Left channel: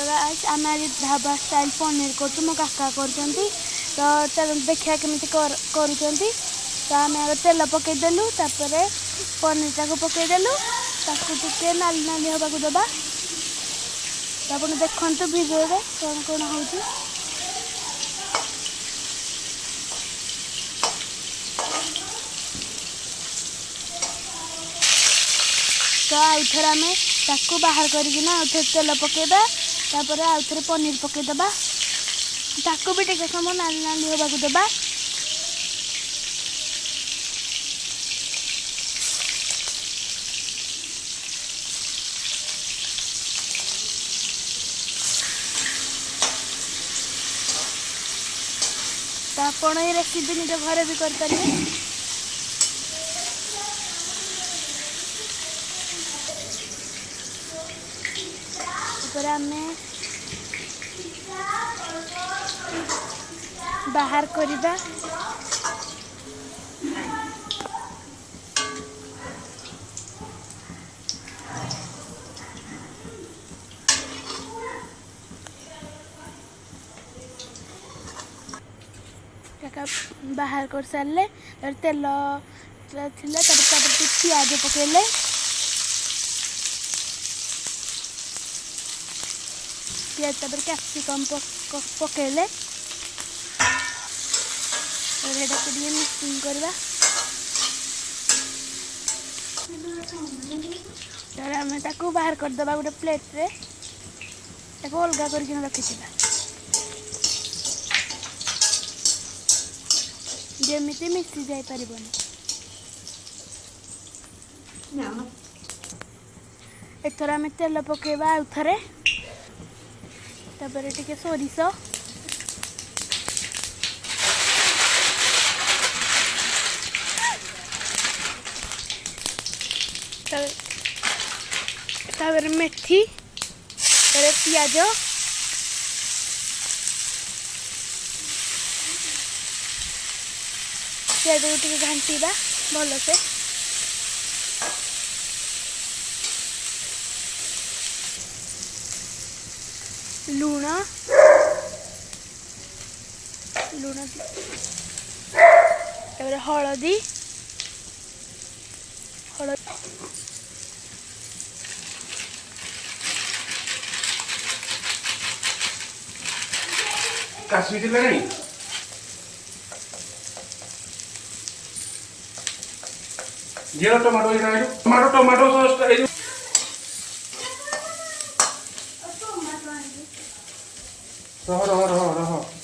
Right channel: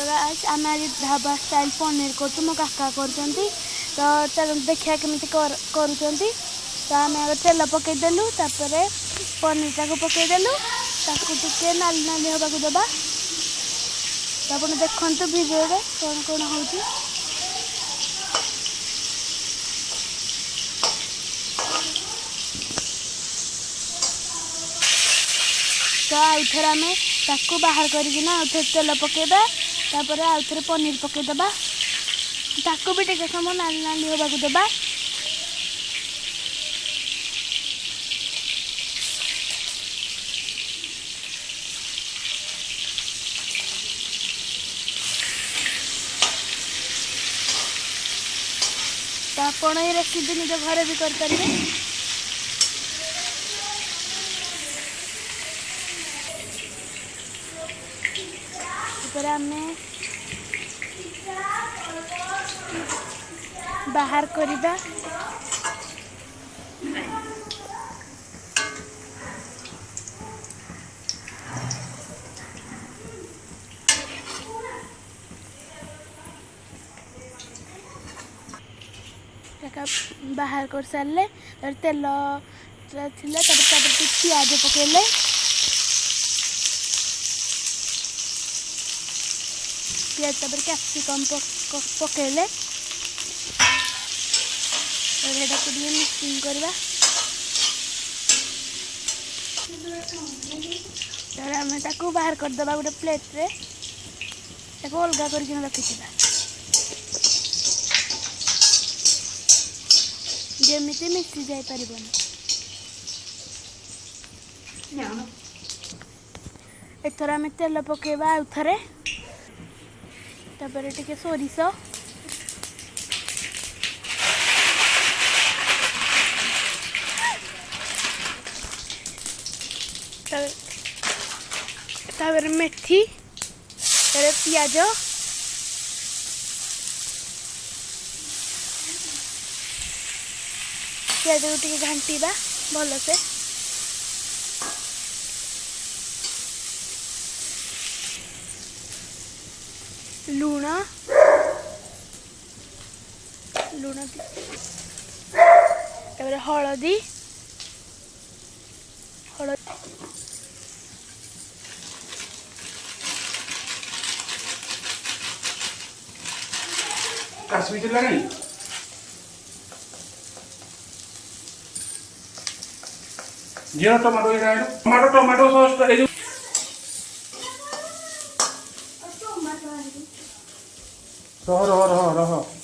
तो गाइस आम आज ढाबा स्टाइल पनीर कर मो काका कर तो देखा केमी कर तो आम आगे तेल पकईदेलु पनीर टाक पकईदेलु टे नाली नाली हवा दबा तो आप देखु भिडियो कौन कौन हो तो आउ थे आम ताकू बाहर करना आउ थे तेल पकईबा तापर आउ थे पनीर पकईदबा ताकू भी टे समय नाली नाली हवा दबा तो आप ये रेसिपी निज घर भी करें। आम बाहर करवा बाहर कर सारे तेल पियाज पकड़े पियाज कैप्सिकम पकड़े मिक्सिंग करवा आम ताकू बाहर करदे गोटे प्लेट रे अलग कर रखी जमीती मिसी जाई पारिबनी एथर आम तेल पकेबा आउ थरे तापर टिके सोरिष तापर मेथी तापर पियाज पियाज को टिके घांटीबा भल से लूण लूण तापर हलदी काश्मीरी लगे जीरा टमाटो टमाटो सॉस रह